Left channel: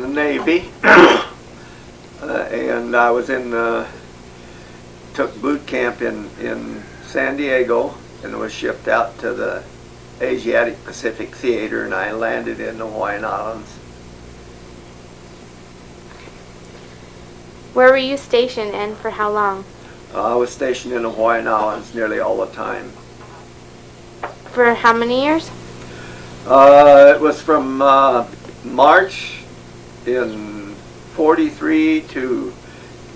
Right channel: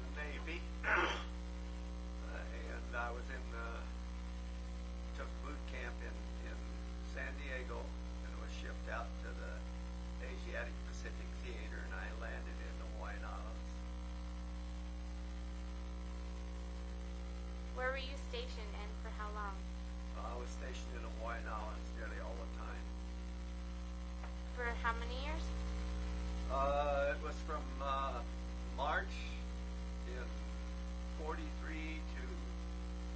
the Navy, and I was took boot camp in San Diego, and was shipped out to the Asiatic Pacific Theater, and I landed in the Hawaiian Islands. Where were you stationed and for how long? I was stationed in the Hawaiian Islands nearly all the time. For how many years? It was from March in 43 to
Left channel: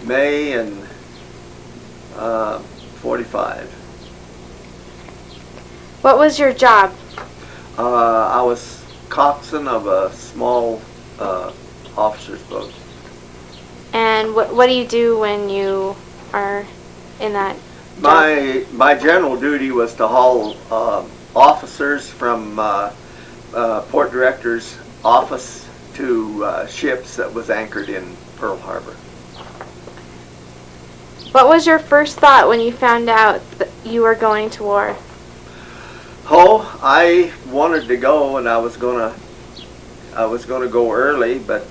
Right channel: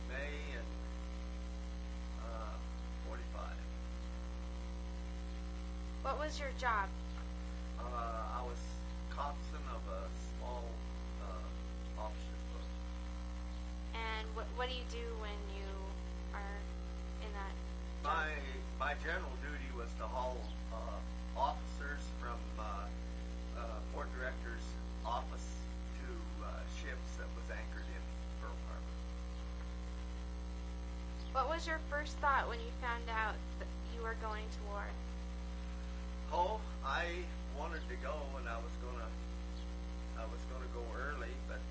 May in 45. What was your job? I was coxswain of a small officer's boat. And what do you do when you are in that job? My general duty was to haul officers from port director's office to ships that was anchored in Pearl Harbor. What was your first thought when you found out that you were going to war? Oh, I wanted to go, and I was gonna go early, but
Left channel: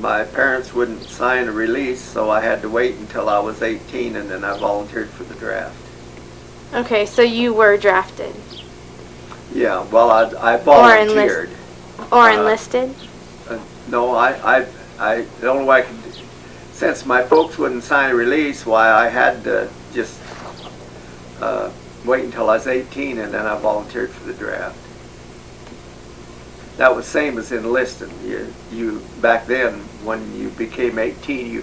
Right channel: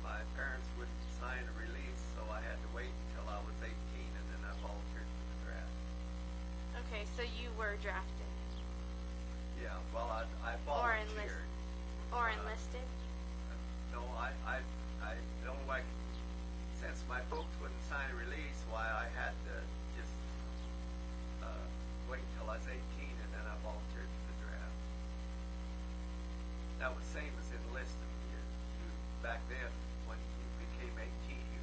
my parents wouldn't sign a release, so I had to wait until I was 18, and then I volunteered for the draft. Okay, so you were drafted. Yeah, well, I volunteered. Or enlisted? No, the only way I could, since my folks wouldn't sign a release, why I had to just wait until I was 18, and then I volunteered for the draft. That was same as enlisted. You back then, when you became 18, you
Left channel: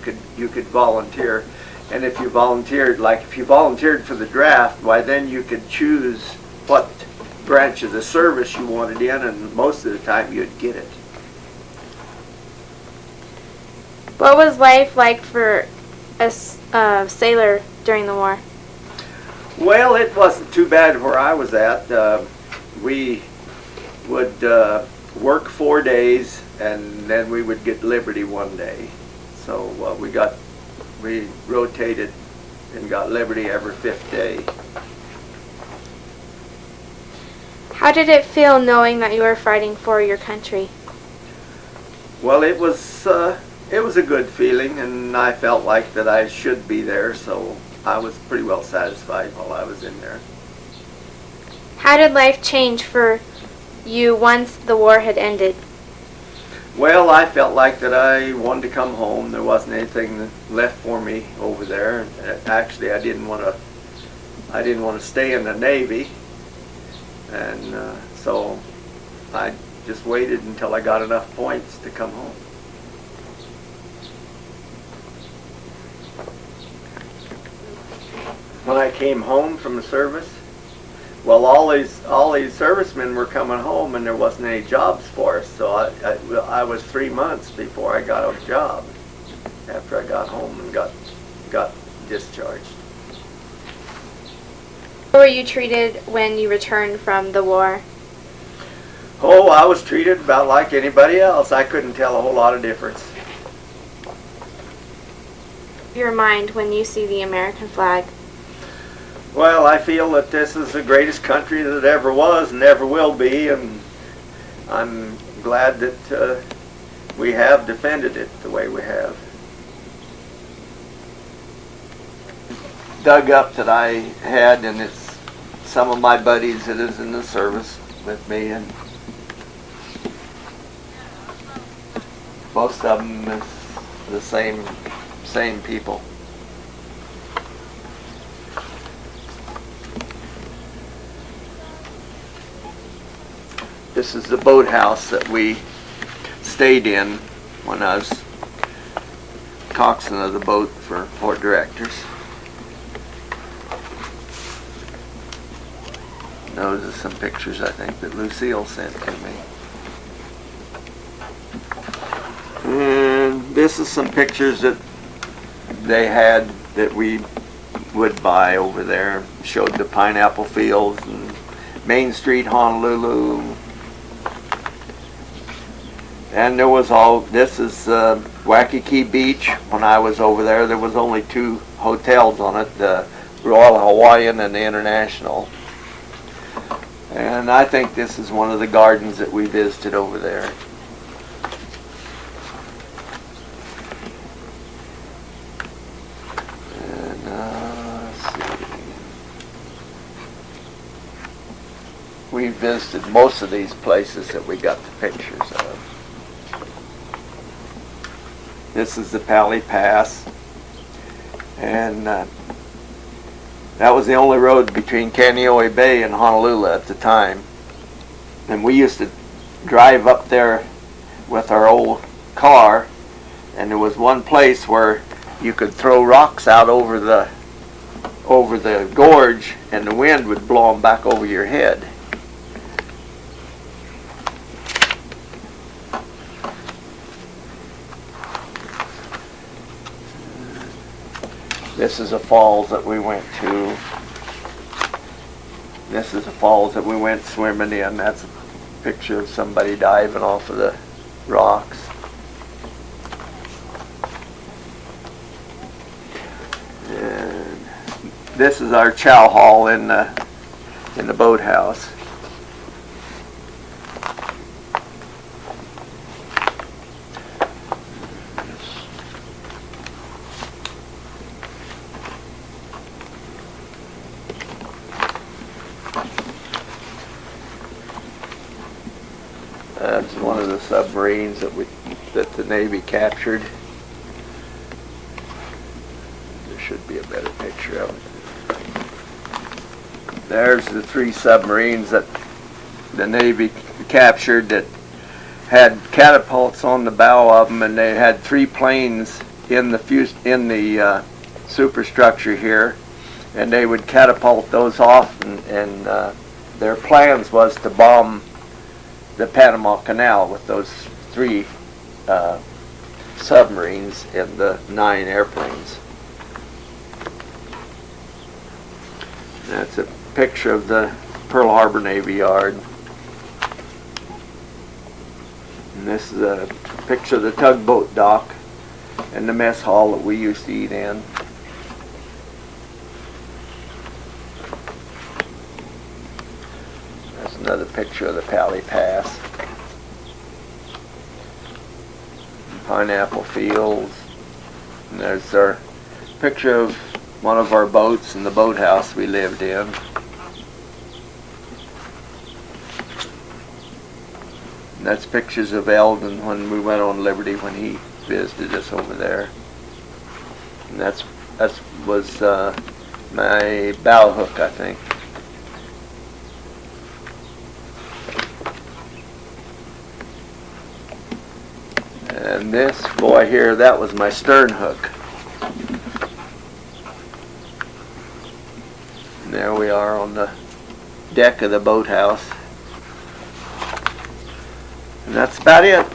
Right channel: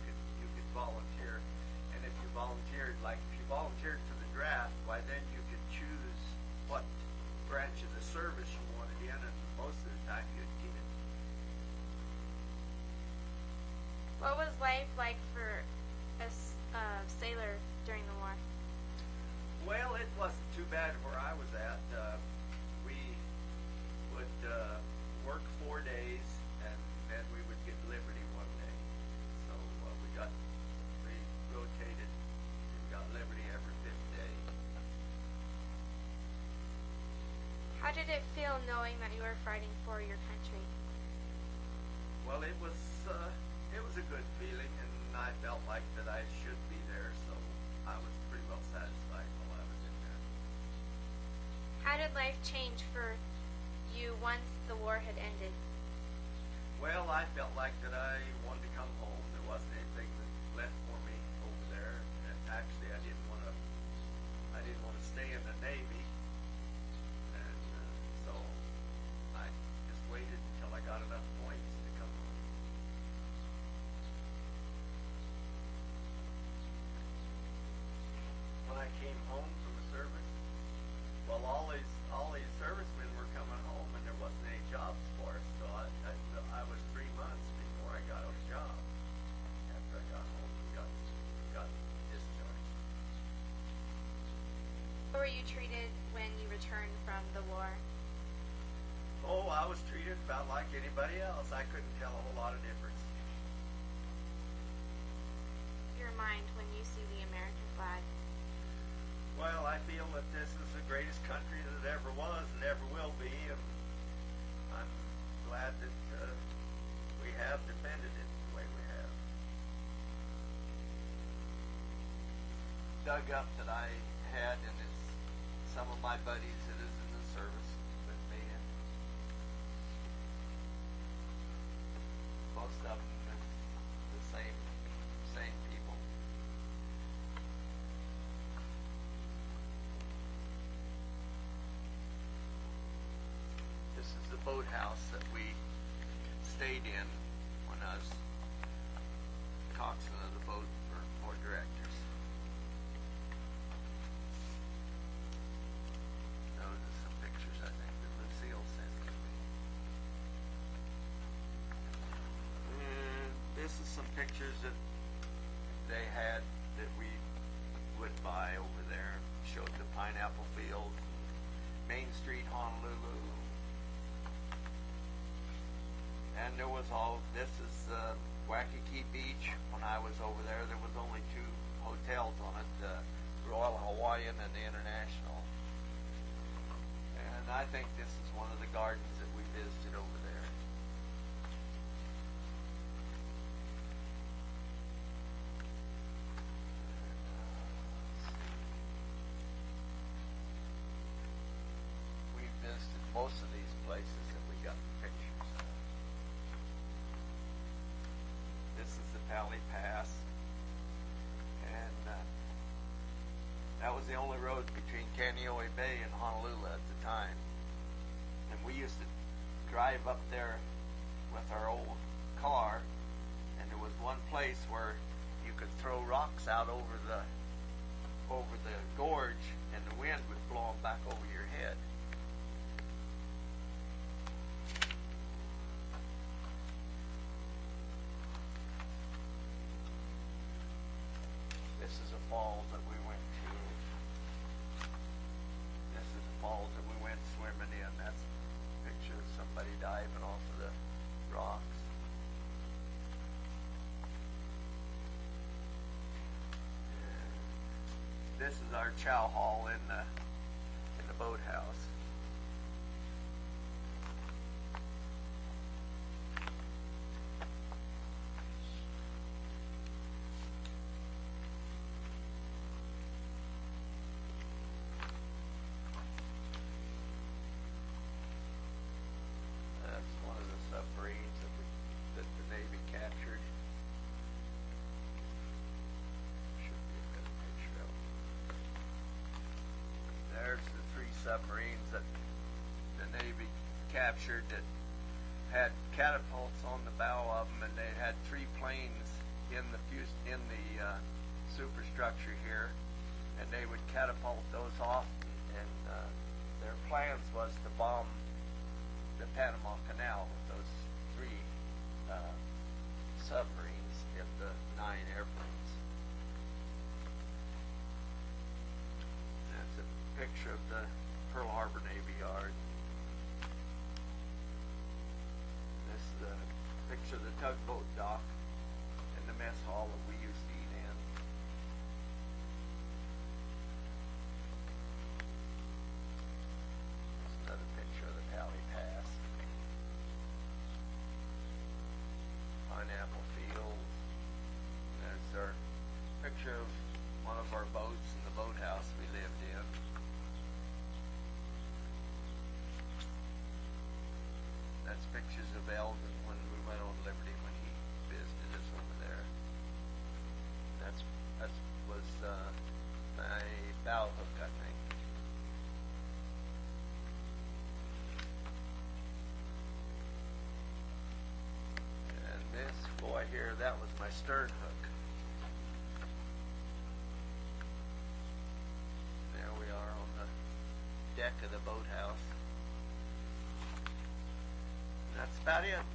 could volunteer, and if you volunteered for the draft, why then you could choose what branch of the service you wanted in, and most of the time you'd get it. What was life like for a sailor during the war? Well, it wasn't too bad where I was at. We would work 4 days, and then we would get liberty one day. So we rotated and got liberty every 5th day. How did it feel knowing that you were fighting for your country? Well, it was a good feeling, and I felt like that I should be there, so I was pretty well satisfied while I was in there. How did life change for you once the war had ended? Well, I felt like that I wanted to come home. There wasn't anything left for me over there. Actually, I didn't want to stay in the Navy, and so I just waited until I got enough points to come home. When I came home from the service, well, all these servicemen were coming home, and there wasn't any jobs for us. So I was 3 months before I got a job. After I got home and got discharged. How were you treated when you returned from the war? Oh, I was treated about like anybody else. I couldn't tell a whole lot of difference. Your mind when you see the American flag? Well, I feel that this is the greatest country that ever was and ever will be, and I'm glad that we have defended it the way we have. Dug up that I had, and it's some of my buddies that is in the service with me, and most of them is the same people. This is the boathouse that we stayed in when I was coxswain of the boat for port directors. Those are some pictures I think that Lucille sent to me. And this is some pictures that they had that we would buy over there. Showed the pineapple fields and Main Street, Honolulu. And there was this is Waikiki Beach. When I was over there was only 2 hotels on it, the Royal Hawaiian and the International. And I think this is one of the gardens that we visited over there. we visited most of these places that we got the pictures of. This is the Pally Pass, and that was the only road between Kaneohe Bay and Honolulu at the time. And we used to drive up there with our old car, and there was one place where you could throw rocks out over the gorge, and the wind would blow them back over your head. This is a falls that we went to. This is a falls that we went swimming in. That's a picture of somebody diving off of the rocks. And this is our chow hall in the boathouse. That's one of the submarines that the Navy captured. There should be a better picture of it. There's the 3 submarines that the Navy captured that had catapults on the bow of them, and they had 3 planes in the superstructure here, and they would catapult those off, and their plans was to bomb the Panama Canal with those 3 submarines and the 9 airplanes. That's a picture of the Pearl Harbor Navy Yard. And this is a picture of the tugboat dock and the mess hall that we used to eat in. That's another picture of the Pally Pass. Pineapple fields. And there's our picture of one of our boats in the boathouse we lived in. And that's pictures of Eldon when we went on Liberty when he visited us over there. And that was my bow hook, I think. And this boy here, that was my stern hook. And there we are on the deck of the boathouse. And that's about it.